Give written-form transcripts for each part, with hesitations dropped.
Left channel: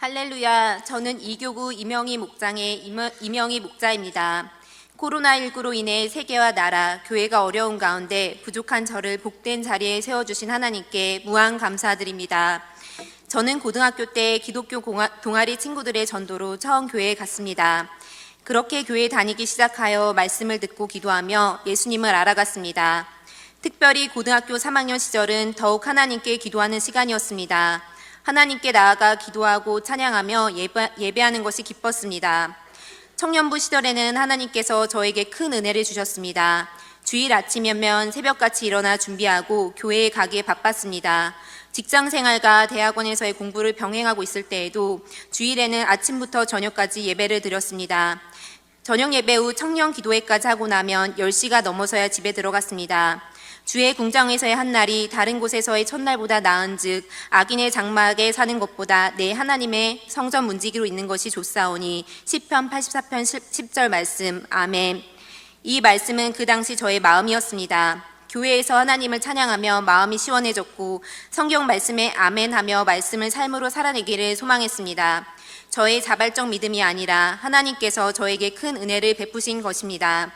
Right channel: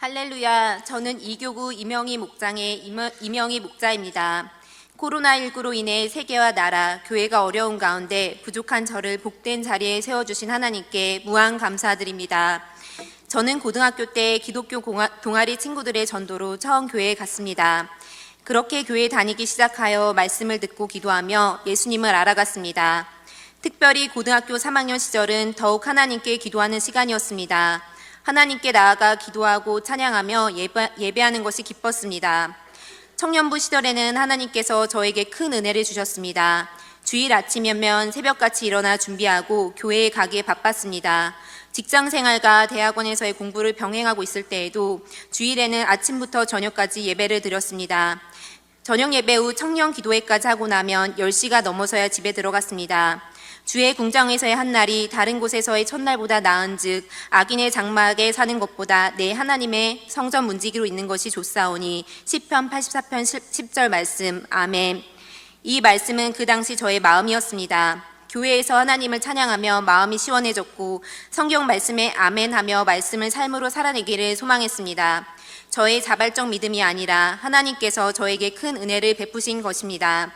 할렐루야, 저는 이교구 임영희 목장의 임영희 목자입니다. 코로나19로 인해 세계와 나라, 교회가 어려운 가운데 부족한 저를 복된 자리에 세워주신 하나님께 무한 감사드립니다. 저는 고등학교 때 기독교 동아리 친구들의 전도로 처음 교회에 갔습니다. 그렇게 교회에 다니기 시작하여 말씀을 듣고 기도하며 예수님을 알아갔습니다. 특별히 고등학교 3학년 시절은 더욱 하나님께 기도하는 시간이었습니다. 하나님께 나아가 기도하고 찬양하며 예배하는 것이 기뻤습니다. 청년부 시절에는 하나님께서 저에게 큰 은혜를 주셨습니다. 주일 아침이면 새벽같이 일어나 준비하고 교회에 가기에 바빴습니다. 직장생활과 대학원에서의 공부를 병행하고 있을 때에도 주일에는 아침부터 저녁까지 예배를 드렸습니다. 저녁 예배 후 청년 기도회까지 하고 나면 10시가 넘어서야 집에 들어갔습니다. 주의 궁정에서의 한 날이 다른 곳에서의 첫날보다 나은즉 악인의 장막에 사는 것보다 내 하나님의 성전 문지기로 있는 것이 좋사오니 시편 84편 10절 말씀. 아멘. 이 말씀은 그 당시 저의 마음이었습니다. 교회에서 하나님을 찬양하며 마음이 시원해졌고 성경 말씀에 아멘하며 말씀을 삶으로 살아내기를 소망했습니다. 저의 자발적 믿음이 아니라 하나님께서 저에게 큰 은혜를 베푸신 것입니다.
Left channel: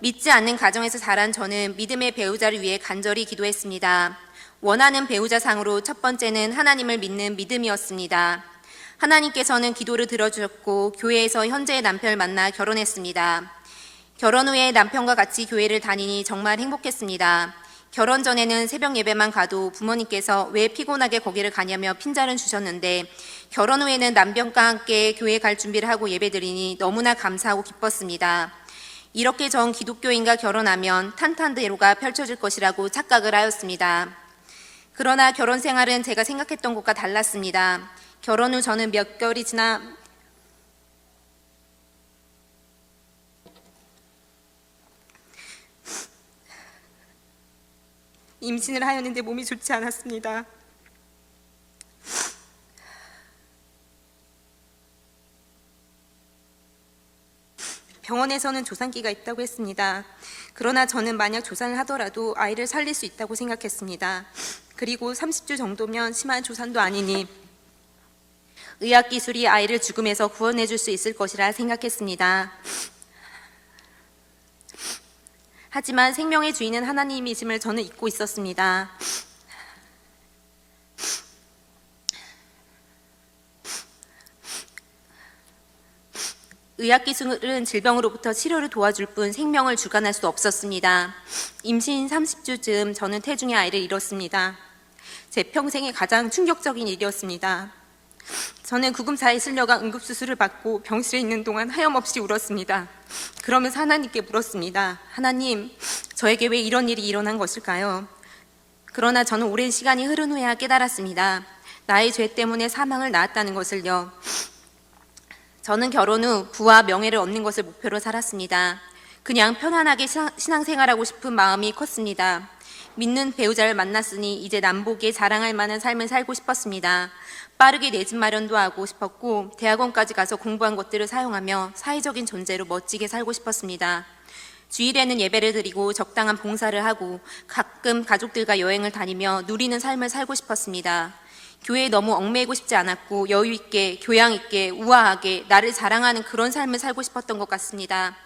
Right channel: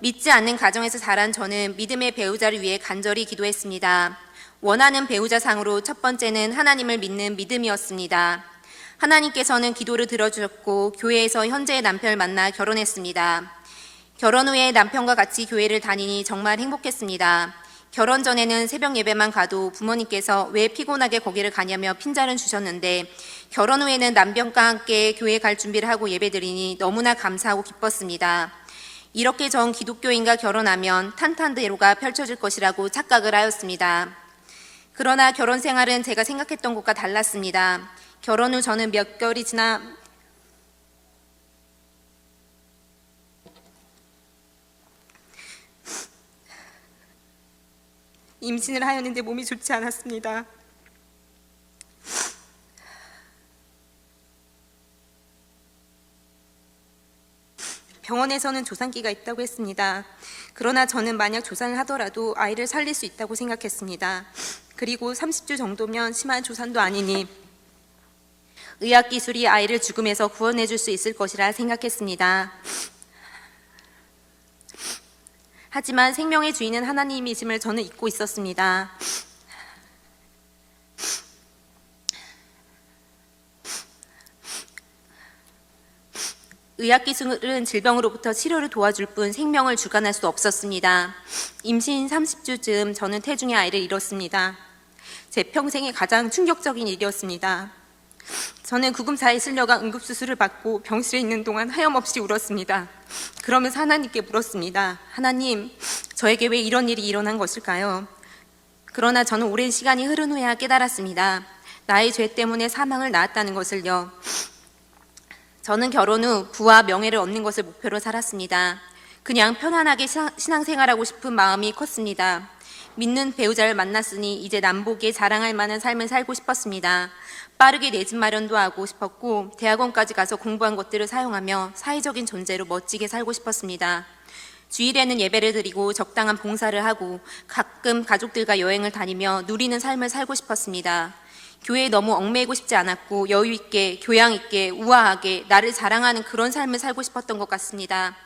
믿지 않는 가정에서 자란 저는 믿음의 배우자를 위해 간절히 기도했습니다. 원하는 배우자상으로 첫 번째는 하나님을 믿는 믿음이었습니다. 하나님께서는 기도를 들어주셨고 교회에서 현재의 남편을 만나 결혼했습니다. 결혼 후에 남편과 같이 교회를 다니니 정말 행복했습니다. 결혼 전에는 새벽 예배만 가도 부모님께서 왜 피곤하게 거기를 가냐며 핀잔을 주셨는데 결혼 후에는 남편과 함께 교회 갈 준비를 하고 예배드리니 너무나 감사하고 기뻤습니다. 이렇게 전 기독교인과 결혼하면 탄탄대로가 펼쳐질 것이라고 착각을 하였습니다. 그러나 결혼 생활은 제가 생각했던 것과 달랐습니다. 결혼 후 저는 몇 개월이 지나 임신을 하였는데 몸이 좋지 않았습니다. 병원에서는 조산기가 있다고 했습니다. 그러나 저는 만약 조산을 하더라도 아이를 살릴 수 있다고 생각했습니다. 그리고 30주 정도면 심한 조산도 아니니 의학기술이 아이를 죽음에서 구원해 줄 수 있을 것이라 생각했습니다. 하지만 생명의 주인은 하나님이심을 저는 잊고 있었습니다. 의학기술은 질병으로부터 치료를 도와줄 뿐 생명을 주관할 수 없었습니다. 임신 30주쯤 저는 태중의 아이를 잃었습니다. 제 평생의 가장 충격적인 일이었습니다. 저는 구금사에 실려가 응급수술을 받고 병실에 있는 동안 하염없이 울었습니다. 그러면서 하나님께 물었습니다. 하나님, 저에게 왜 이런 일이 일어난 것일까요? 그러나 저는 오랜 시간이 흐른 후에야 깨달았습니다. 나의 죄 때문에 사망을 낳았다는 것을요. 저는 결혼 후 부와 명예를 얻는 것을 목표로 살았습니다. 그냥 편안하게 신앙생활하고 싶은 마음이 컸습니다. 믿는 배우자를 만났으니 이제 남보기에 자랑할 만한 삶을 살고 싶었습니다. 빠르게 내 집 마련도 하고 싶었고 대학원까지 가서 공부한 것들을 사용하며 사회적인 존재로 멋지게 살고 싶었습니다. 주일에는 예배를 드리고 적당한 봉사를 하고 가끔 가족들과 여행을 다니며 누리는 삶을 살고 싶었습니다. 교회에 너무 얽매이고 싶지 않았고 여유 있게, 교양 있게, 우아하게 나를 자랑하는 그런 삶을 살고 싶었던 것 같습니다.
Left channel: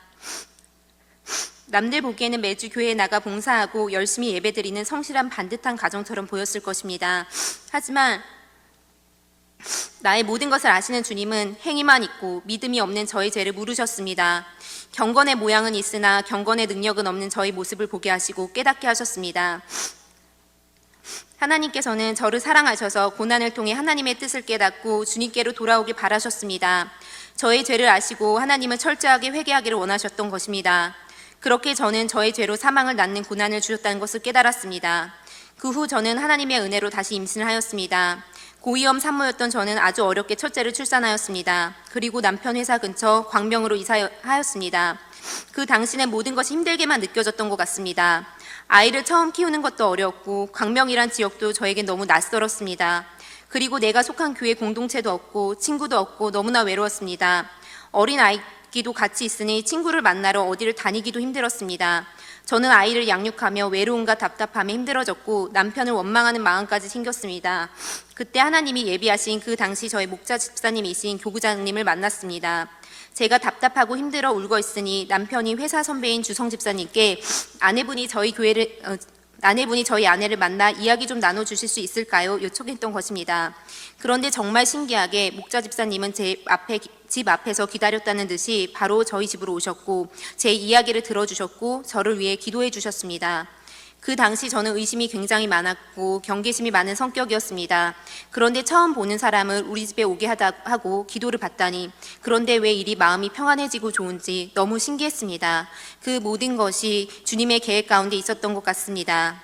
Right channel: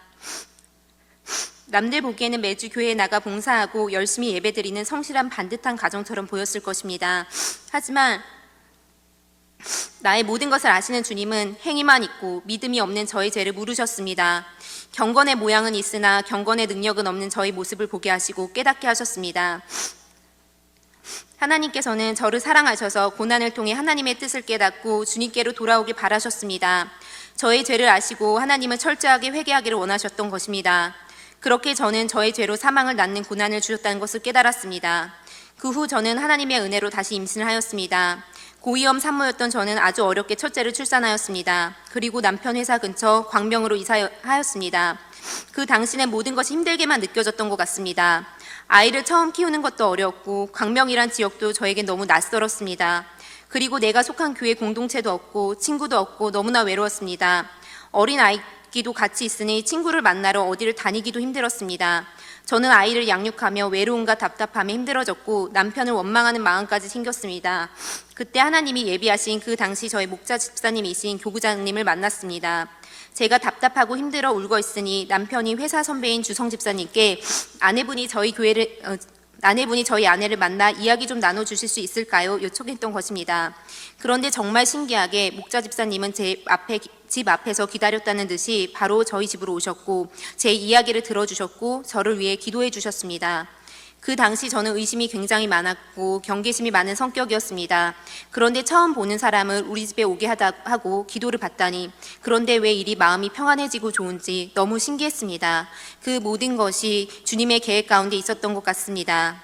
남들 보기에는 매주 교회에 나가 봉사하고 열심히 예배드리는 성실한 반듯한 가정처럼 보였을 것입니다. 하지만 나의 모든 것을 아시는 주님은 행위만 있고 믿음이 없는 저의 죄를 물으셨습니다. 경건의 모양은 있으나 경건의 능력은 없는 저의 모습을 보게 하시고 깨닫게 하셨습니다. 하나님께서는 저를 사랑하셔서 고난을 통해 하나님의 뜻을 깨닫고 주님께로 돌아오길 바라셨습니다. 저의 죄를 아시고 하나님은 철저하게 회개하기를 원하셨던 것입니다. 그렇게 저는 저의 죄로 사망을 낳는 고난을 주셨다는 것을 깨달았습니다. 그 후 저는 하나님의 은혜로 다시 임신을 하였습니다. 고위험 산모였던 저는 아주 어렵게 첫째를 출산하였습니다. 그리고 남편 회사 근처 광명으로 이사하였습니다. 그 당시는 모든 것이 힘들게만 느껴졌던 것 같습니다. 아이를 처음 키우는 것도 어려웠고 광명이란 지역도 저에겐 너무 낯설었습니다. 그리고 내가 속한 교회 공동체도 없고 친구도 없고 너무나 외로웠습니다. 어린 아이 붓기도 같이 있으니 친구를 만나러 어디를 다니기도 힘들었습니다. 저는 아이를 양육하며 외로움과 답답함에 힘들어졌고 남편을 원망하는 마음까지 생겼습니다. 그때 하나님이 예비하신 그 당시 저의 목자 집사님이신 교구장님을 만났습니다. 제가 답답하고 힘들어 울고 있으니 남편이 회사 선배인 주성 집사님께 아내분이 저희 아내를 만나 이야기 좀 나눠주실 수 있을까요? 요청했던 것입니다. 그런데 정말 신기하게 목자 집사님은 집 앞에서 기다렸다는 듯이 바로 저희 집으로 오셨고 제 이야기를 들어주셨고 저를 위해 기도해 주셨습니다. 그 당시 저는 의심이 굉장히 많았고 경계심이 많은 성격이었습니다. 그런데 처음 보는 사람을 우리 집에 오게 하고 기도를 받다니 그런데 왜 이리 마음이 평안해지고 좋은지 너무 신기했습니다. 그 모든 것이 주님의 계획 가운데 있었던 것 같습니다.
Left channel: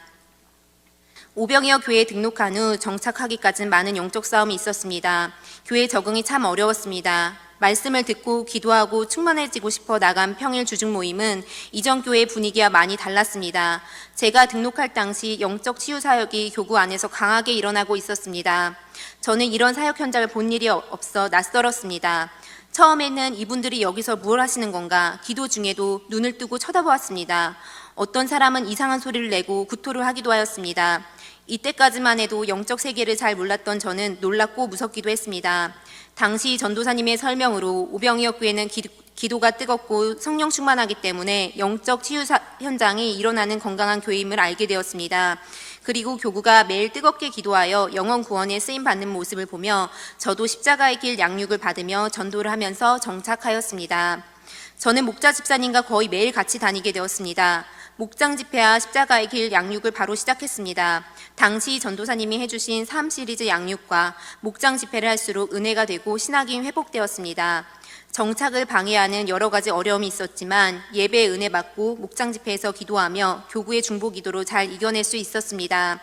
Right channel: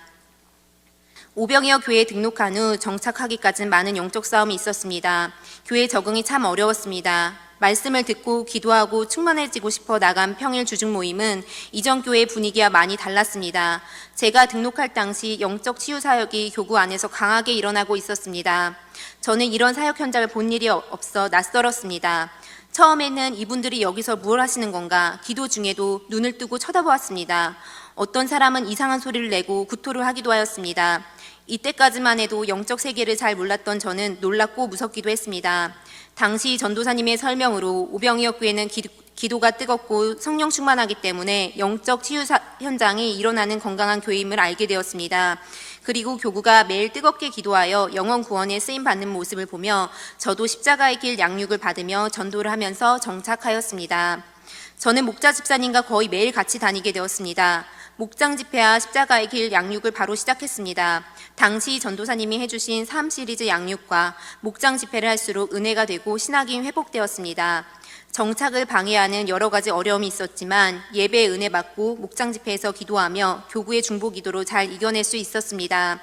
오병이어 교회에 등록한 후 정착하기까지는 많은 영적 싸움이 있었습니다. 교회 적응이 참 어려웠습니다. 말씀을 듣고 기도하고 충만해지고 싶어 나간 평일 주중 모임은 이전 교회 분위기와 많이 달랐습니다. 제가 등록할 당시 영적 치유 사역이 교구 안에서 강하게 일어나고 있었습니다. 저는 이런 사역 현장을 본 일이 없어 낯설었습니다. 처음에는 이분들이 여기서 뭘 하시는 건가 기도 중에도 눈을 뜨고 쳐다보았습니다. 어떤 사람은 이상한 소리를 내고 구토를 하기도 하였습니다. 이때까지만 해도 영적 세계를 잘 몰랐던 저는 놀랍고 무섭기도 했습니다. 당시 전도사님의 설명으로 오병이어 교회는 기도가 뜨겁고 성령 충만하기 때문에 영적 치유 현장이 일어나는 건강한 교회임을 알게 되었습니다. 그리고 교구가 매일 뜨겁게 기도하여 영혼 구원에 쓰임받는 모습을 보며 저도 십자가의 길 양육을 받으며 전도를 하면서 정착하였습니다. 저는 목자 집사님과 거의 매일 같이 다니게 되었습니다. 목장 집회와 십자가의 길 양육을 바로 시작했습니다. 당시 전도사님이 해주신 3 시리즈 양육과 목장 집회를 할수록 은혜가 되고 신학이 회복되었습니다. 정착을 방해하는 여러 가지 어려움이 있었지만 예배에 은혜 받고 목장 집회에서 기도하며 교구의 중보 기도로 잘 이겨낼 수 있었습니다.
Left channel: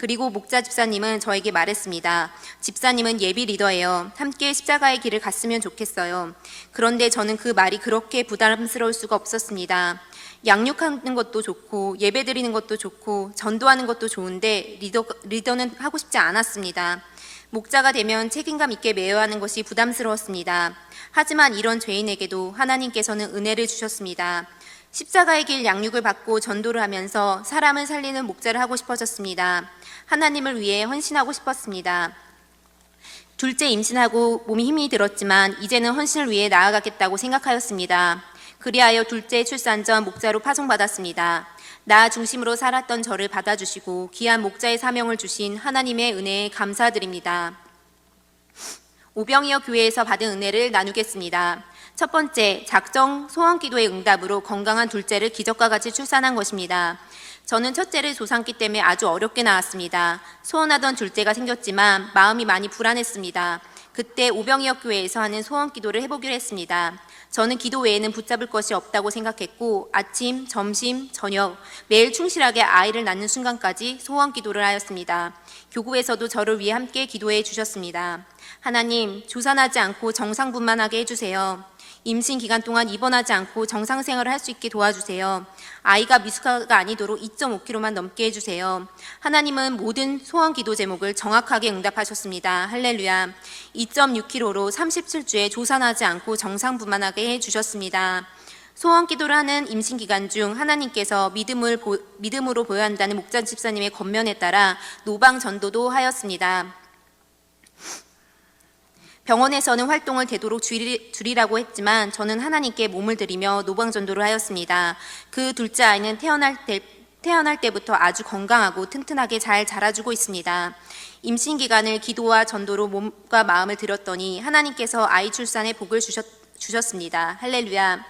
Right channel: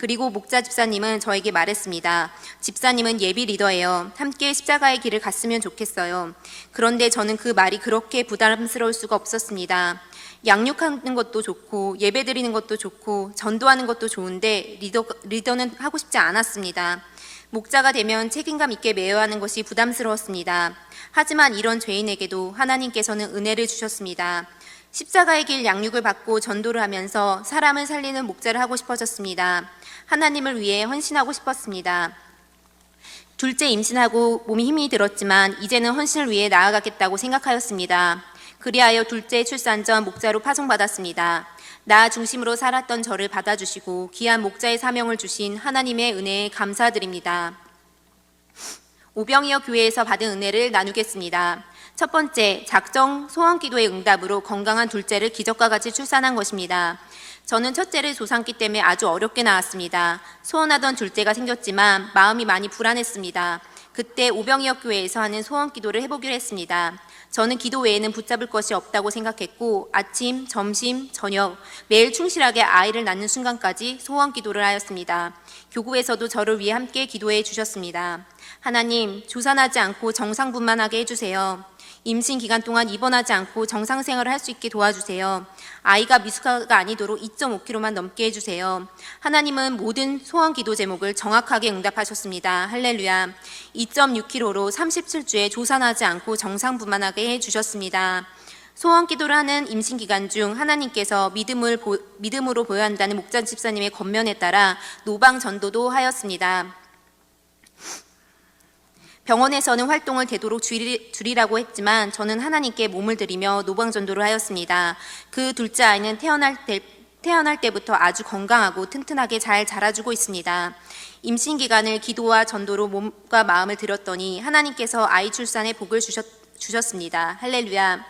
그리고 목자 집사님은 저에게 말했습니다. 집사님은 예비 리더예요. 함께 십자가의 길을 갔으면 좋겠어요. 그런데 저는 그 말이 그렇게 부담스러울 수가 없었습니다. 양육하는 것도 좋고 예배 드리는 것도 좋고 전도하는 것도 좋은데 리더는 하고 싶지 않았습니다. 목자가 되면 책임감 있게 매여야 하는 것이 부담스러웠습니다. 하지만 이런 죄인에게도 하나님께서는 은혜를 주셨습니다. 십자가의 길 양육을 받고 전도를 하면서 사람을 살리는 목자를 하고 싶어졌습니다. 하나님을 위해 헌신하고 싶었습니다. 둘째 임신하고 몸이 힘이 들었지만 이제는 헌신을 위해 나아가겠다고 생각하였습니다. 그리하여 둘째 출산 전 목자로 파송받았습니다. 나 중심으로 살았던 저를 받아주시고 귀한 목자의 사명을 주신 하나님의 은혜에 감사드립니다. 오병이어 교회에서 받은 은혜를 나누겠습니다. 첫 번째, 작정 소원기도의 응답으로 건강한 둘째를 기적과 같이 출산한 것입니다. 저는 첫째를 조산기 때문에 아주 어렵게 낳았습니다. 소원하던 둘째가 생겼지만 마음이 많이 불안했습니다. 그때 오병이어 교회에서 하는 소원기도를 해보기로 했습니다. 저는 기도 외에는 붙잡을 것이 없다고 생각했고 아침, 점심, 저녁 매일 충실하게 아이를 낳는 순간까지 소원기도를 하였습니다. 교구에서도 저를 위해 함께 기도해 주셨습니다. 하나님, 조산하지 않고 정상분만하게 해주세요. 임신 기간 동안 입원하지 않고 정상 생활을 할 수 있게 도와주세요. 아이가 미숙아가 아니도록 2.5kg만 넘게 해주세요. 하나님은 모든 소원 기도 제목을 정확하게 응답하셨습니다. 할렐루야. 2.6kg로 37주에 조산하지 않고 정상분만하게 해주셨습니다. 소원 기도를 하는 임신 기간 중 하나님께서 믿음으로 보여야 한다는 목자 집사님의 권면에 따라 노방 전도도 하였습니다. 병원에서는 활동을 되도록 줄이라고 했지만 저는 하나님께 몸을 들이며 노방전도를 하였습니다. 그 둘째 아이는 태어날 때부터 아주 건강하고 튼튼하게 잘 자라주고 있습니다. 임신 기간을 기도와 전도로 몸과 마음을 들였더니 하나님께서 아이 출산에 복을 주셨습니다. 할렐루야.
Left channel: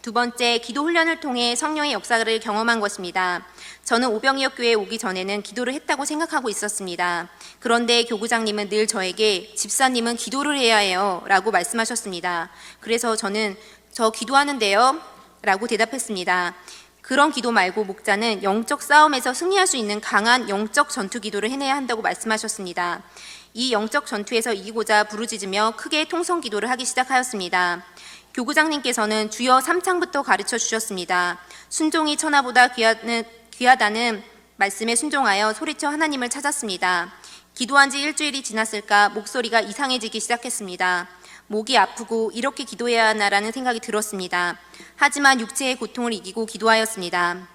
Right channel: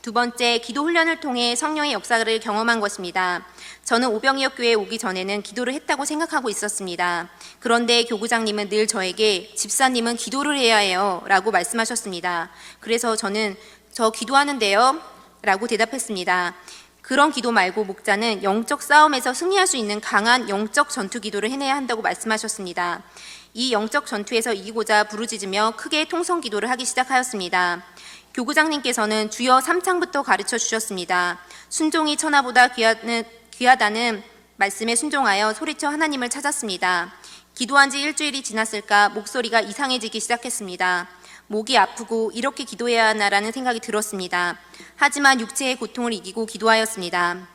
두 번째, 기도 훈련을 통해 성령의 역사를 경험한 것입니다. 저는 오병이어 교회에 오기 전에는 기도를 했다고 생각하고 있었습니다. 그런데 교구장님은 늘 저에게 집사님은 기도를 해야 해요 라고 말씀하셨습니다. 그래서 저는 저 기도하는데요 라고 대답했습니다. 그런 기도 말고 목자는 영적 싸움에서 승리할 수 있는 강한 영적 전투 기도를 해내야 한다고 말씀하셨습니다. 이 영적 전투에서 이기고자 부르짖으며 크게 통성 기도를 하기 시작하였습니다. 교구장님께서는 주여 3창부터 가르쳐 주셨습니다. 순종이 천하보다 귀하다는 말씀에 순종하여 소리쳐 하나님을 찾았습니다. 기도한 지 일주일이 지났을까 목소리가 이상해지기 시작했습니다. 목이 아프고 이렇게 기도해야 하나라는 생각이 들었습니다. 하지만 육체의 고통을 이기고 기도하였습니다.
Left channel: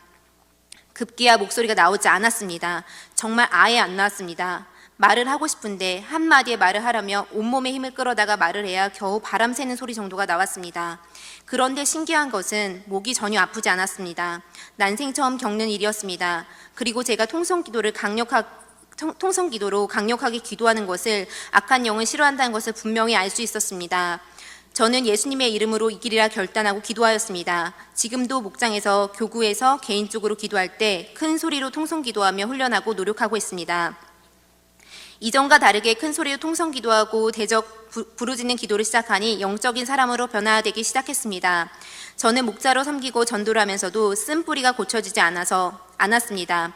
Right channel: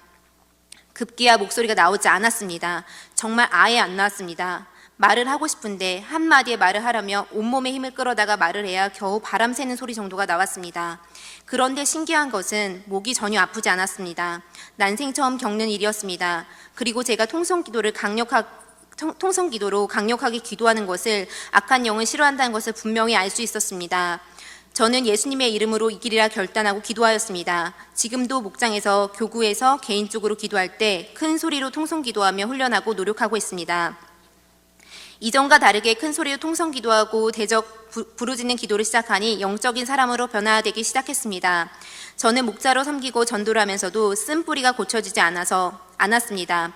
급기야 목소리가 나오지 않았습니다. 정말 아예 안 나왔습니다. 말을 하고 싶은데 한마디의 말을 하려면 온몸에 힘을 끌어다가 말을 해야 겨우 바람 새는 소리 정도가 나왔습니다. 그런데 신기한 것은 목이 전혀 아프지 않았습니다. 난생 처음 겪는 일이었습니다. 그리고 제가 통성기도로 강력하게 기도하는 것을 악한 영은 싫어한다는 것을 분명히 알 수 있었습니다. 저는 예수님의 이름으로 이기리라 결단하고 기도하였습니다. 지금도 목장에서 교구에서 개인적으로 기도할 때 큰 소리로 통성기도하며 훈련하고 노력하고 있습니다. 이전과 다르게 큰 소리로 통성기도하고 대적 부르짖는 기도를 시작하니 영적인 사람으로 변화되기 시작했습니다. 저는 목자로 섬기고 전도를 하면서도 쓴뿌리가 고쳐지지 않았습니다.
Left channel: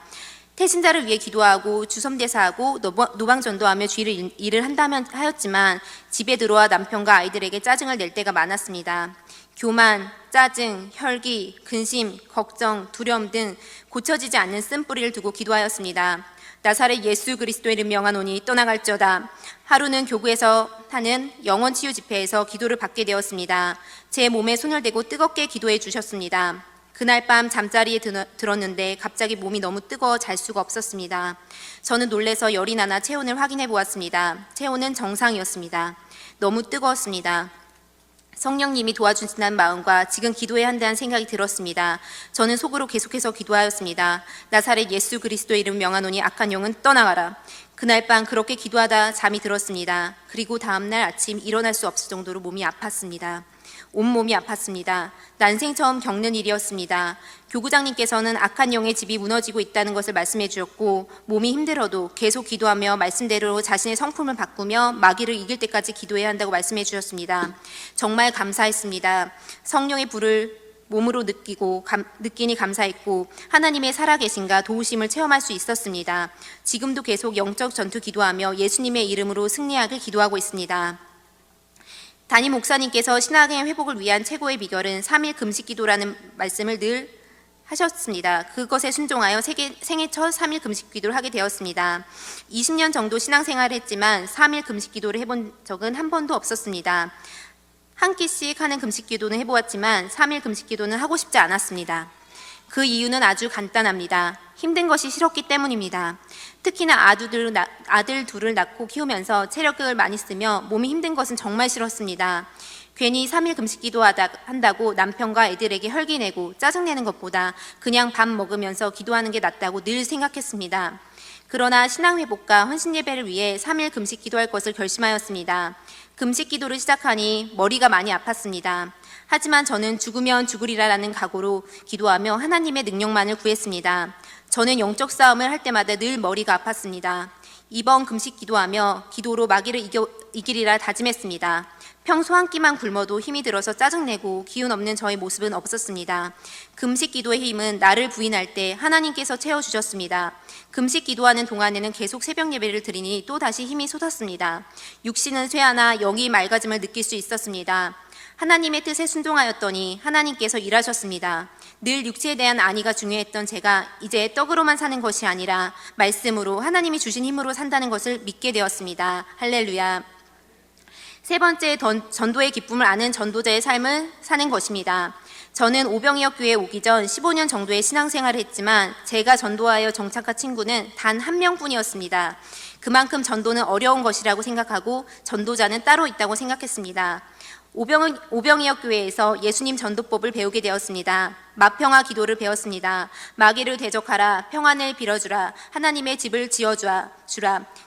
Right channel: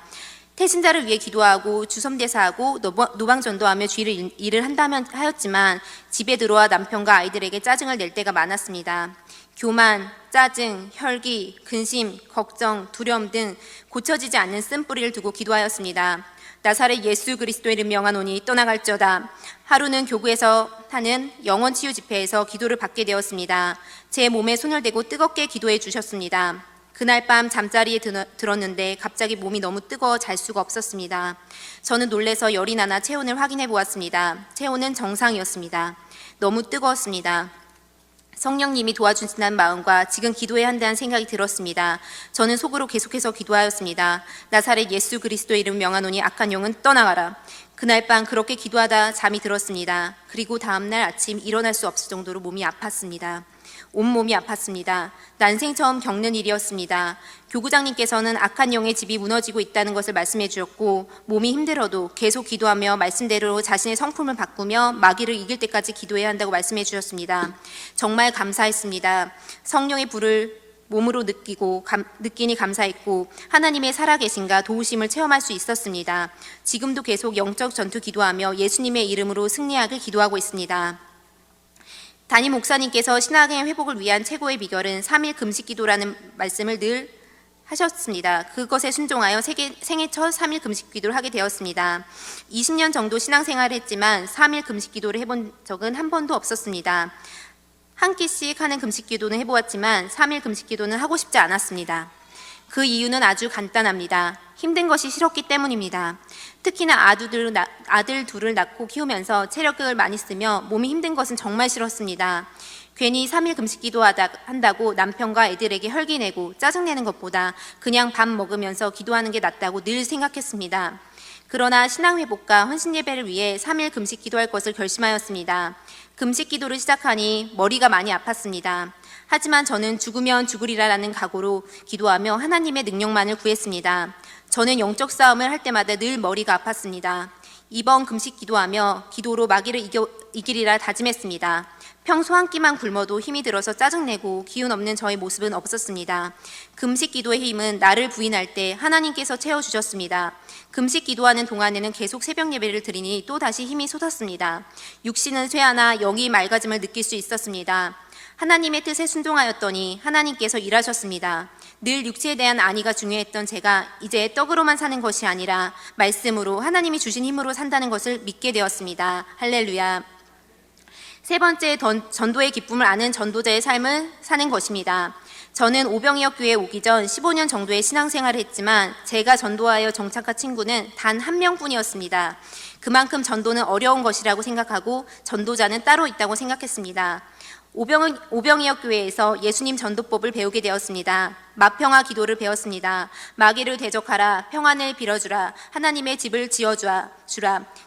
태신자를 위해 기도하고 주섬대사하고 노방전도하며 주일 일을 한다면 하였지만 집에 들어와 남편과 아이들에게 짜증을 낼 때가 많았습니다. 교만, 짜증, 혈기, 근심, 걱정, 두려움 등 고쳐지지 않는 쓴뿌리를 두고 기도하였습니다. 나사렛 예수 그리스도의 이름 명하노니 떠나갈지어다. 하루는 교구에서 하는 영혼치유 집회에서 기도를 받게 되었습니다. 제 몸에 손을 대고 뜨겁게 기도해 주셨습니다. 그날 밤 잠자리에 들었는데 갑자기 몸이 너무 뜨거워 잘 수가 없었습니다. 저는 놀라서 열이 나나 체온을 확인해 보았습니다. 체온은 정상이었습니다. 너무 뜨거웠습니다. 성령님이 도와주신다는 마음과 지금 기도해야 한다는 생각이 들었습니다. 저는 속으로 계속해서 기도하였습니다. 나사렛 예수 그리스도의 이름 명하노니 악한 영은 떠나가라. 그날 밤 그렇게 기도하다 잠이 들었습니다. 그리고 다음날 아침 일어날 수 없을 정도로 몸이 아팠습니다. 온몸이 아팠습니다. 난생 처음 겪는 일이었습니다. 교구장님께서는 악한 영의 집이 무너지고 있다는 것을 말씀해 주셨고 몸이 힘들어도 계속 기도하며 말씀대로 자신의 성품을 바꾸며 마귀를 이길 때까지 기도해야 한다고 말씀해 주셨습니다. 정말 감사했습니다. 성령의 불을 몸으로 느끼니 감사했고 하나님의 살아계신가 도우심을 체험할 수 있었습니다. 지금도 계속 영적 전투 기도하며 예수님의 이름으로 승리하길 기도하고 있습니다. 담임 목사님께서 신앙의 회복을 위한 최고의 비결은 3일 금식 기도라는 말씀을 늘 하셨습니다. 그것에 순종하여 생애 첫 3일 금식 기도를 하게 되었습니다. 20년 정도 신앙생활을 했지만 3일 금식 기도를 해본 적은 한 번도 없었습니다. 한 끼씩 하는 금식 기도는 해보았지만 3일 금식 기도는 하고 싶지 않았습니다. 그 이유는 아주 간단합니다. 힘든 것이 싫었기 때문입니다. 특히나 아들 둘을 낳고 키우면서 체력을 많이 쓰며 몸이 힘든 것은 정말 싫었습니다. 괜히 3일 금식 기도한다고 남편과 애들에게 혈기내고 짜증내는 것보다 그냥 밥 먹으면서 기도하는 게 낫다고 늘 생각했습니다. 그러나 신앙회복과 헌신예배를 위해 3일 금식 기도할 것을 결심하였습니다. 금식 기도를 시작하니 머리가 많이 아팠습니다. 하지만 저는 죽으면 죽으리라라는 각오로 기도하며 하나님의 능력만을 구했습니다. 저는 영적 싸움을 할 때마다 늘 머리가 아팠습니다. 이번 금식 기도하며 기도로 마귀를 이기리라 다짐했습니다. 평소 한 끼만 굶어도 힘이 들어서 짜증내고 기운 없는 저의 모습은 없었습니다. 금식 기도의 힘은 나를 부인할 때 하나님께서 채워주셨습니다. 금식 기도하는 동안에는 계속 새벽 예배를 드리니 또다시 힘이 솟았습니다. 육신은 쇠하나 영이 맑아짐을 느낄 수 있었습니다. 하나님의 뜻에 순종하였더니 하나님께서 일하셨습니다. 늘 육체에 대한 안위가 중요했던 제가 이제 떡으로만 사는 것이 아니라 말씀으로 하나님이 주신 힘으로 산다는 것을 믿게 되었습니다. 할렐루야. 세 번째, 전도의 기쁨을 아는 전도자의 삶을 사는 것입니다. 저는 오병이어 교회에 오기 전 15년 정도의 신앙생활을 했지만 제가 전도하여 정착한 친구는 단 한 명뿐이었습니다. 그만큼 전도는 어려운 것이라고 생각하고 전도자는 따로 있다고 생각했습니다. 오병이어 교회에서 예수님 전도법을 배우게 되었습니다. 마평화 기도를 배웠습니다. 마귀를 대적하라, 평안을 빌어주라, 하나님의 집을 지어주라,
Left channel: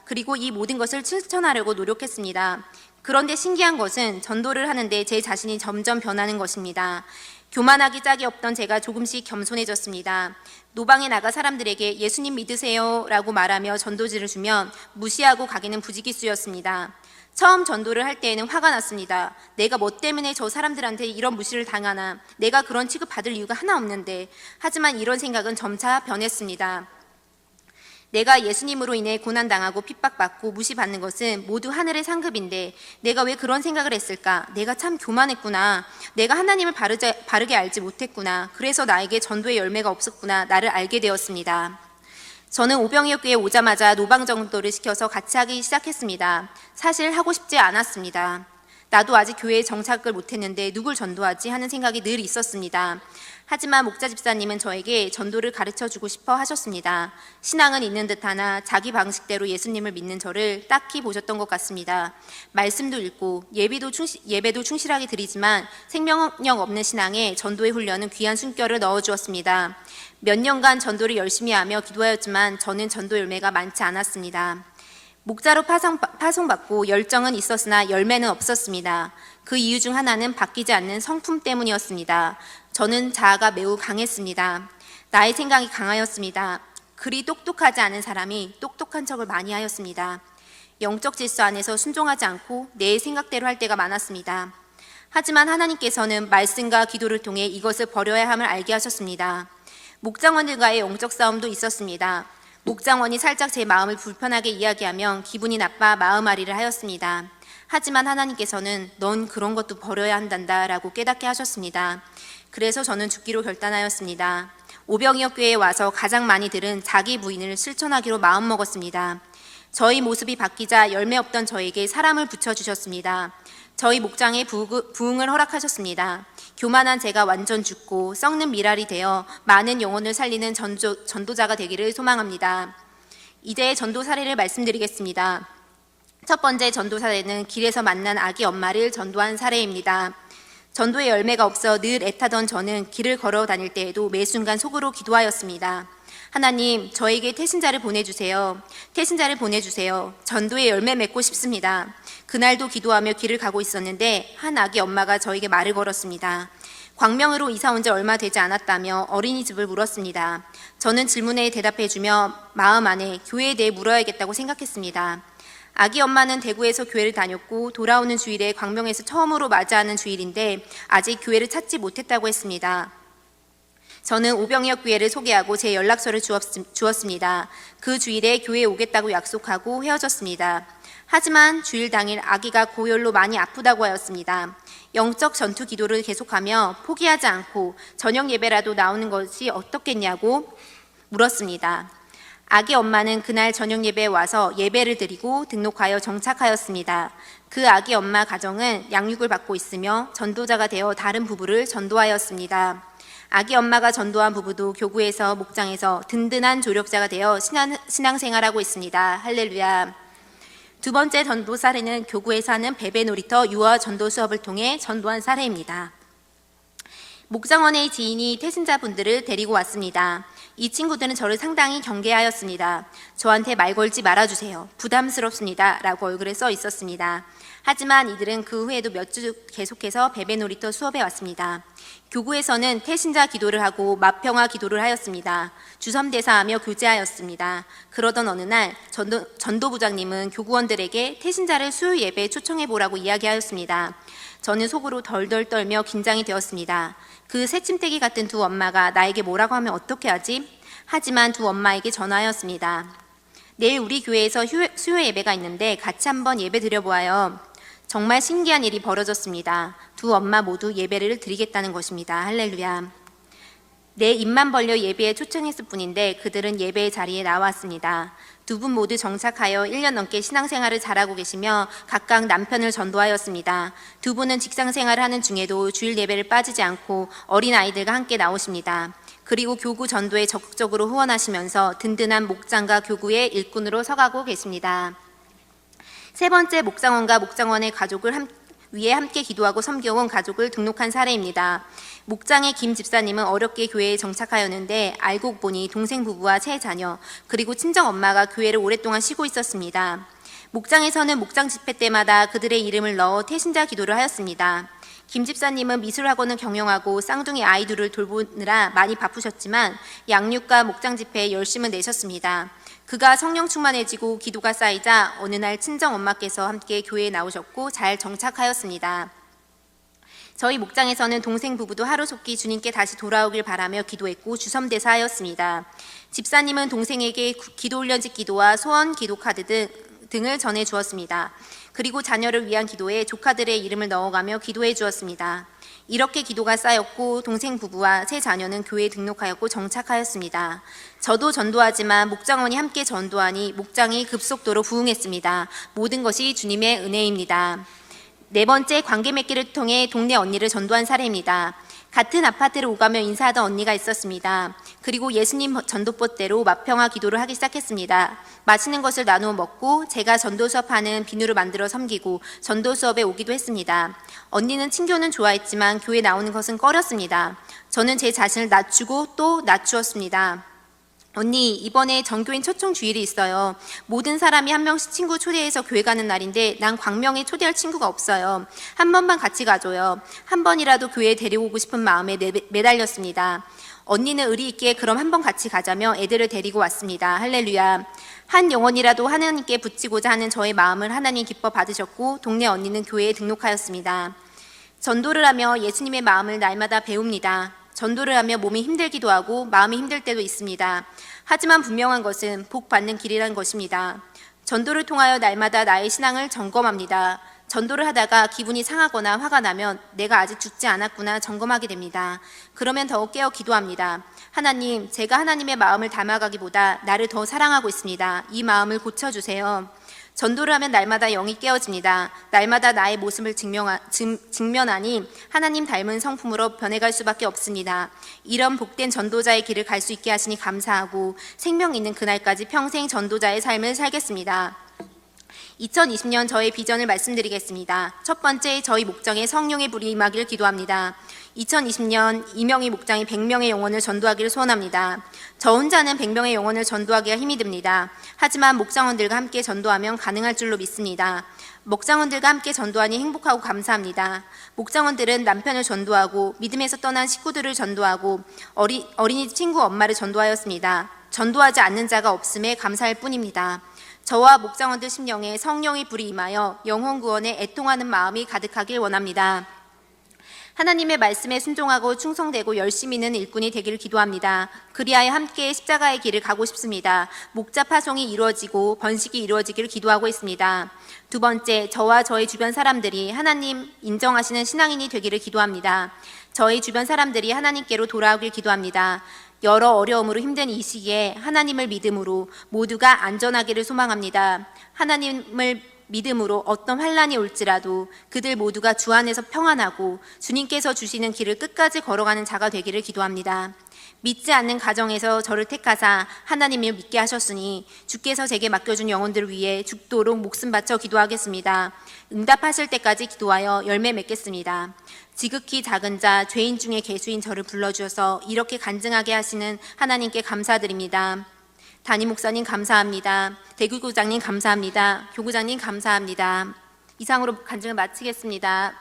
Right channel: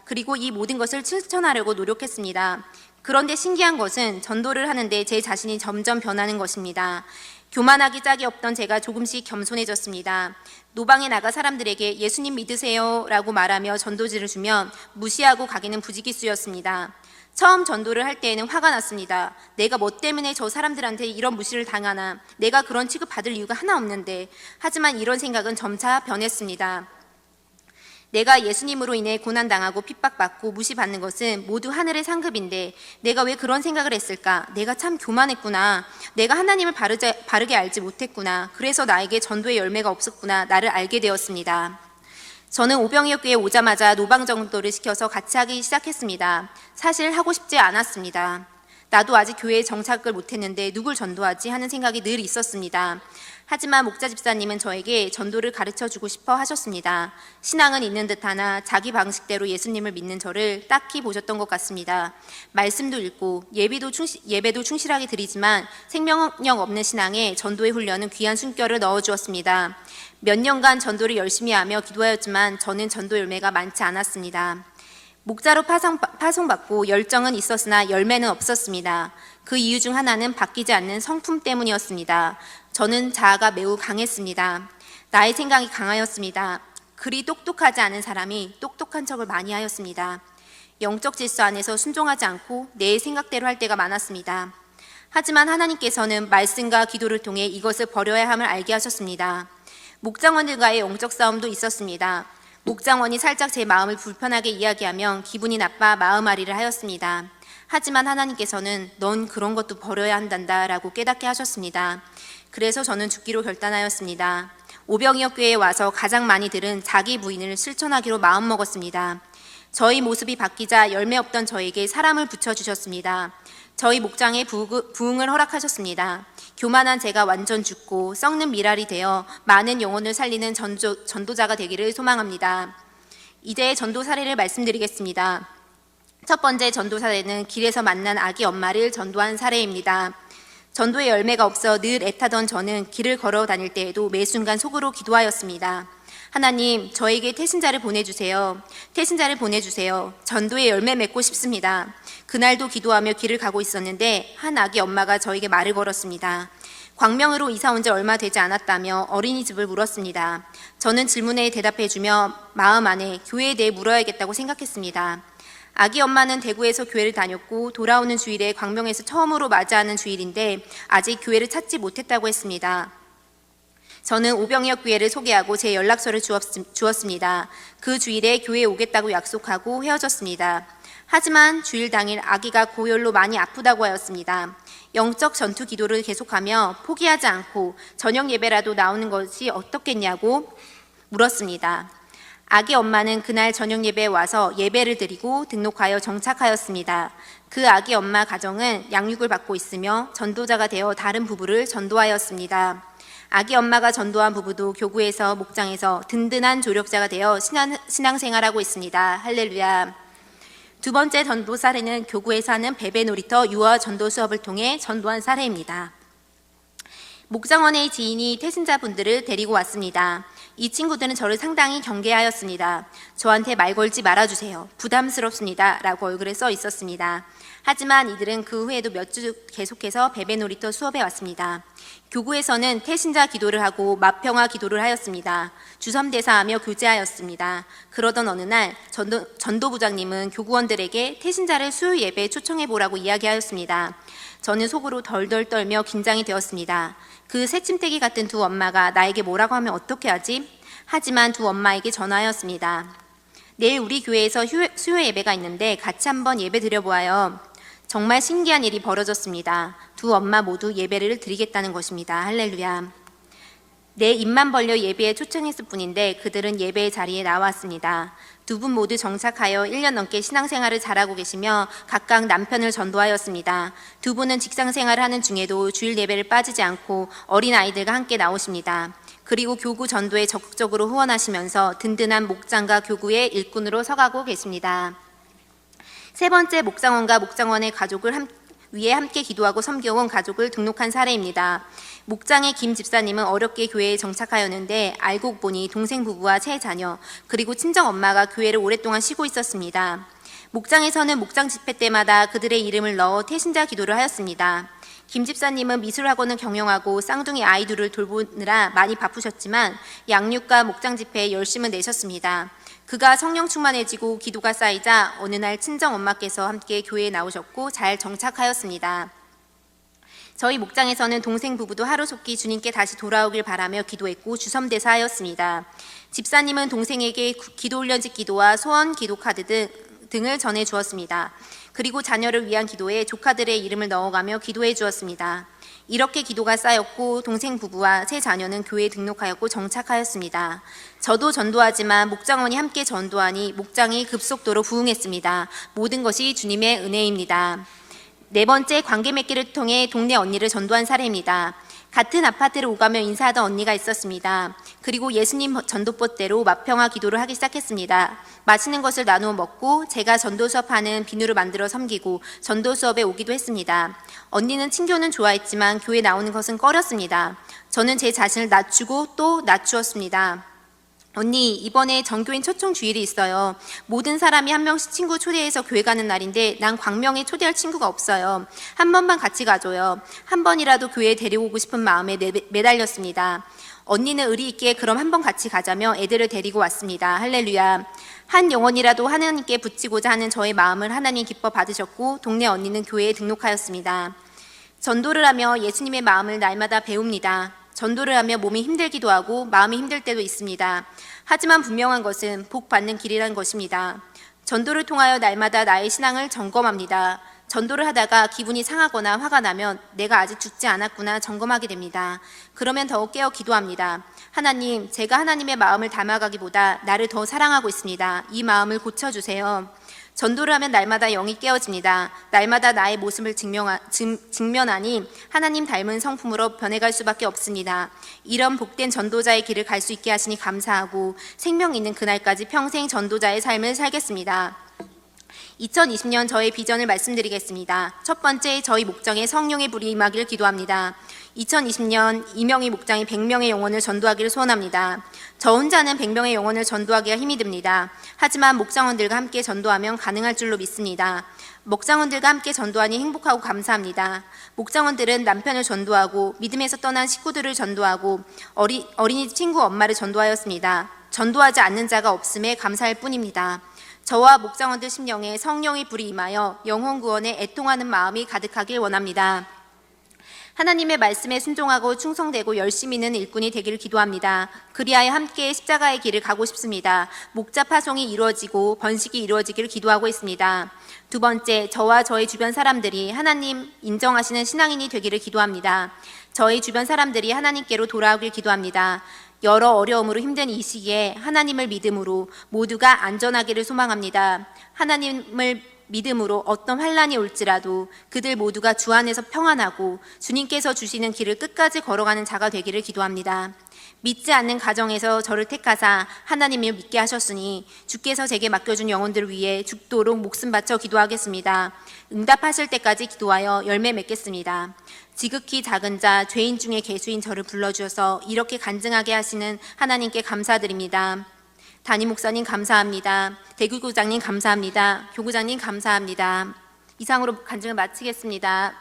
그리고 이 모든 것을 실천하려고 노력했습니다. 그런데 신기한 것은 전도를 하는데 제 자신이 점점 변하는 것입니다. 교만하기 짝이 없던 제가 조금씩 겸손해졌습니다. 노방에 나가 사람들에게 예수님 믿으세요 라고 말하며 전도지를 주면 무시하고 가기는 부지기수였습니다. 처음 전도를 할 때에는 화가 났습니다. 내가 뭐 때문에 저 사람들한테 이런 무시를 당하나, 내가 그런 취급받을 이유가 하나 없는데. 하지만 이런 생각은 점차 변했습니다. 내가 예수님으로 인해 고난당하고 핍박받고 무시받는 것은 모두 하늘의 상급인데 내가 왜 그런 생각을 했을까? 내가 참 교만했구나. 내가 하나님을 바르게 알지 못했구나. 그래서 나에게 전도의 열매가 없었구나. 나를 알게 되었습니다. 저는 오병이어 교회에 오자마자 노방전도를 시켜서 같이 하기 시작했습니다. 사실 하고 싶지 않았습니다. 나도 아직 교회에 정착을 못했는데 누굴 전도하지 하는 생각이 늘 있었습니다. 하지만 목자 집사님은 저에게 전도를 가르쳐주고 싶어 하셨습니다. 신앙은 있는 듯하나 자기 방식대로 예수님을 믿는 저를 딱히 보셨던 것 같습니다. 말씀도 읽고 예배도 충실하게 드리지만 생명력 없는 신앙에 전도의 훈련은 귀한 숨결을 넣어주었습니다. 몇 년간 전도를 열심히 하며 기도하였지만 저는 전도 열매가 많지 않았습니다. 목자로 파송받고 열정은 있었으나 열매는 없었습니다. 그 이유 중 하나는 바뀌지 않는 성품 때문이었습니다. 저는 자아가 매우 강했습니다. 나의 생각이 강하였습니다. 그리 똑똑하지 않은 사람이 똑똑한 척을 많이 하였습니다. 영적 질서 안에서 순종하지 않고 내 생각대로 할 때가 많았습니다. 하지만 하나님께서는 말씀과 기도를 통해 이것을 버려야 함을 알게 하셨습니다. 목장원들과의 영적 싸움도 있었습니다. 목장원이 살짝 제 마음을 불편하게 이야기하면 기분이 나빠 마음앓이를 하였습니다. 하지만 하나님께서는 넌 그런 것도 버려야 한단다 라고 깨닫게 하셨습니다. 그래서 저는 죽기로 결단하였습니다. 오병이어 교회에 와서 가장 많이 들은 자기 부인을 실천하기로 마음먹었습니다. 저희 모습이 바뀌자 열매 없던 저에게 사람을 붙여주셨습니다. 저희 목장에 부흥을 허락하셨습니다. 교만한 제가 완전 죽고 썩는 미랄이 되어 많은 영혼을 살리는 전도자가 되기를 소망합니다. 이제 전도 사례를 말씀드리겠습니다. 첫 번째 전도 사례는 길에서 만난 아기 엄마를 전도한 사례입니다. 전도의 열매가 없어 늘 애타던 저는 길을 걸어 다닐 때에도 매 순간 속으로 기도하였습니다. 하나님, 저에게 태신자를 보내주세요. 태신자를 보내주세요. 전도의 열매 맺고 싶습니다. 그날도 기도하며 길을 가고 있었는데 한 아기 엄마가 저에게 말을 걸었습니다. 광명으로 이사 온 지 얼마 되지 않았다며 어린이집을 물었습니다. 저는 질문에 대답해주며 마음 안에 교회에 대해 물어야겠다고 생각했습니다. 아기 엄마는 대구에서 교회를 다녔고 돌아오는 주일에 광명에서 처음으로 맞이하는 주일인데 아직 교회를 찾지 못했다고 했습니다. 저는 오병이어 교회를 소개하고 제 연락처를 주었습니다. 그 주일에 교회에 오겠다고 약속하고 헤어졌습니다. 하지만 주일 당일 아기가 고열로 많이 아프다고 하였습니다. 영적 전투 기도를 계속하며 포기하지 않고 저녁 예배라도 나오는 것이 어떻겠냐고 물었습니다. 아기 엄마는 그날 저녁 예배에 와서 예배를 드리고 등록하여 정착하였습니다. 그 아기 엄마 가정은 양육을 받고 있으며 전도자가 되어 다른 부부를 전도하였습니다. 아기 엄마가 전도한 부부도 교구에서 목장에서 든든한 조력자가 되어 신앙생활하고 있습니다. 할렐루야. 두 번째 전도 사례는 교구에서 하는 베베 놀이터 유아 전도 수업을 통해 전도한 사례입니다. 목장원의 지인이 태신자분들을 데리고 왔습니다. 이 친구들은 저를 상당히 경계하였습니다. 저한테 말 걸지 말아주세요. 부담스럽습니다. 라고 얼굴에 써 있었습니다. 하지만 이들은 그 후에도 몇 주 계속해서 베베 놀이터 수업에 왔습니다. 교구에서는 태신자 기도를 하고 맏평화 기도를 하였습니다. 주섬대사하며 교제하였습니다. 그러던 어느 날 전도부장님은 교구원들에게 태신자를 수요 예배에 초청해보라고 이야기하였습니다. 저는 속으로 덜덜 떨며 긴장이 되었습니다. 그 새침대기 같은 두 엄마가 나에게 뭐라고 하면 어떻게 하지? 하지만 두 엄마에게 전화하였습니다. 내일 우리 교회에서 수요 예배가 있는데 같이 한번 예배 드려보아요. 정말 신기한 일이 벌어졌습니다. 두 엄마 모두 예배를 드리겠다는 것입니다. 할렐루야. 내 입만 벌려 예배에 초청했을 뿐인데 그들은 예배의 자리에 나왔습니다. 두 분 모두 정착하여 1년 넘게 신앙생활을 잘하고 계시며 각각 남편을 전도하였습니다. 두 분은 직장생활을 하는 중에도 주일 예배를 빠지지 않고 어린아이들과 함께 나오십니다. 그리고 교구 전도에 적극적으로 후원하시면서 든든한 목장과 교구의 일꾼으로 서가고 계십니다. 세 번째, 목장원과 목장원의 가족을 위해 함께 기도하고 섬겨온 가족을 등록한 사례입니다. 목장의 김 집사님은 어렵게 교회에 정착하였는데 알고 보니 동생 부부와 세 자녀 그리고 친정엄마가 교회를 오랫동안 쉬고 있었습니다. 목장에서는 목장 집회 때마다 그들의 이름을 넣어 태신자 기도를 하였습니다. 김 집사님은 미술학원을 경영하고 쌍둥이 아이들을 돌보느라 많이 바쁘셨지만 양육과 목장 집회에 열심을 내셨습니다. 그가 성령 충만해지고 기도가 쌓이자 어느 날 친정엄마께서 함께 교회에 나오셨고 잘 정착하였습니다. 저희 목장에서는 동생 부부도 하루속히 주님께 다시 돌아오길 바라며 기도했고 주섬대사하였습니다. 집사님은 동생에게 기도훈련집 기도와 소원 기도 카드 등을 전해 주었습니다. 그리고 자녀를 위한 기도에 조카들의 이름을 넣어가며 기도해 주었습니다. 이렇게 기도가 쌓였고 동생 부부와 세 자녀는 교회에 등록하였고 정착하였습니다. 저도 전도하지만 목장원이 함께 전도하니 목장이 급속도로 부흥했습니다. 모든 것이 주님의 은혜입니다. 네 번째, 관계 맺기를 통해 동네 언니를 전도한 사례입니다. 같은 아파트를 오가며 인사하던 언니가 있었습니다. 그리고 예수님 전도법대로 마평화 기도를 하기 시작했습니다. 맛있는 것을 나누어 먹고 제가 전도 수업하는 비누를 만들어 섬기고 전도 수업에 오기도 했습니다. 언니는 친교는 좋아했지만 교회 나오는 것은 꺼렸습니다. 저는 제 자신을 낮추고 또 낮추었습니다. 언니, 이번에 전교인 초청 주일이 있어요. 모든 사람이 한 명씩 친구 초대해서 교회 가는 날인데 난 광명에 초대할 친구가 없어요. 한 번만 같이 가줘요. 한 번이라도 교회에 데려오고 싶은 마음에 매달렸습니다. 언니는 의리 있게 그럼 한 번 같이 가자며 애들을 데리고 왔습니다. 할렐루야. 한 영혼이라도 하나님께 붙이고자 하는 저의 마음을 하나님 기뻐 받으셨고 동네 언니는 교회에 등록하였습니다. 전도를 하며 예수님의 마음을 날마다 배웁니다. 전도를 하며 몸이 힘들기도 하고 마음이 힘들 때도 있습니다. 하지만 분명한 것은 복 받는 길이라는 것입니다. 전도를 통하여 날마다 나의 신앙을 점검합니다. 전도를 하다가 기분이 상하거나 화가 나면 내가 아직 죽지 않았구나 점검하게 됩니다. 그러면 더욱 깨어 기도합니다. 하나님, 제가 하나님의 마음을 담아가기보다 나를 더 사랑하고 있습니다. 이 마음을 고쳐주세요. 전도를 하면 날마다 영이 깨어집니다. 날마다 나의 모습을 직면하니 하나님 닮은 성품으로 변해갈 수밖에 없습니다. 이런 복된 전도자의 길을 갈 수 있게 하시니 감사하고 생명 있는 그날까지 평생 전도자의 삶을 살겠습니다. 2020년 저의 비전을 말씀드리겠습니다. 첫 번째, 저희 목장에 성령의 불이 임하기를 기도합니다. 2020년 이명희 목장이 100명의 영혼을 전도하기를 소원합니다. 저 혼자는 100명의 영혼을 전도하기가 힘이 듭니다. 하지만 목장원들과 함께 전도하면 가능할 줄로 믿습니다. 목장원들과 함께 전도하니 행복하고 감사합니다. 목장원들은 남편을 전도하고 믿음에서 떠난 식구들을 전도하고 어린이집 친구 엄마를 전도하였습니다. 전도하지 않는 자가 없음에 감사할 뿐입니다. 저와 목장원들 심령에 성령의 불이 임하여 영혼 구원에 애통하는 마음이 가득하길 원합니다. 하나님의 말씀에 순종하고 충성되고 열심히 있는 일꾼이 되기를 기도합니다. 그리하여 함께 십자가의 길을 가고 싶습니다. 목자 파송이 이루어지고 번식이 이루어지기를 기도하고 있습니다. 두 번째, 저와 저희 주변 사람들이 하나님 인정하시는 신앙인이 되기를 기도합니다. 저희 주변 사람들이 하나님께로 돌아오길 기도합니다. 여러 어려움으로 힘든 이 시기에 하나님을 믿음으로 모두가 안전하기를 소망합니다. 하나님을 믿음으로 어떤 환난이 올지라도 그들 모두가 주 안에서 평안하고 주님께서 주시는 길을 끝까지 걸어가는 자가 되기를 기도합니다. 믿지 않는 가정에서 저를 택하사 하나님을 믿게 하셨으니 주께서 제게 맡겨준 영혼들을 위해 죽도록 목숨 바쳐 기도하겠습니다. 응답하실 때까지 기도하여 열매 맺겠습니다. 지극히 작은 자, 죄인 중에 개수인 저를 불러주셔서 이렇게 간증하게 하시는 하나님께 감사드립니다. 담임 목사님 감사합니다. 대구구장님 감사합니다. 교구장님 감사합니다. 이상으로 간증을 마치겠습니다.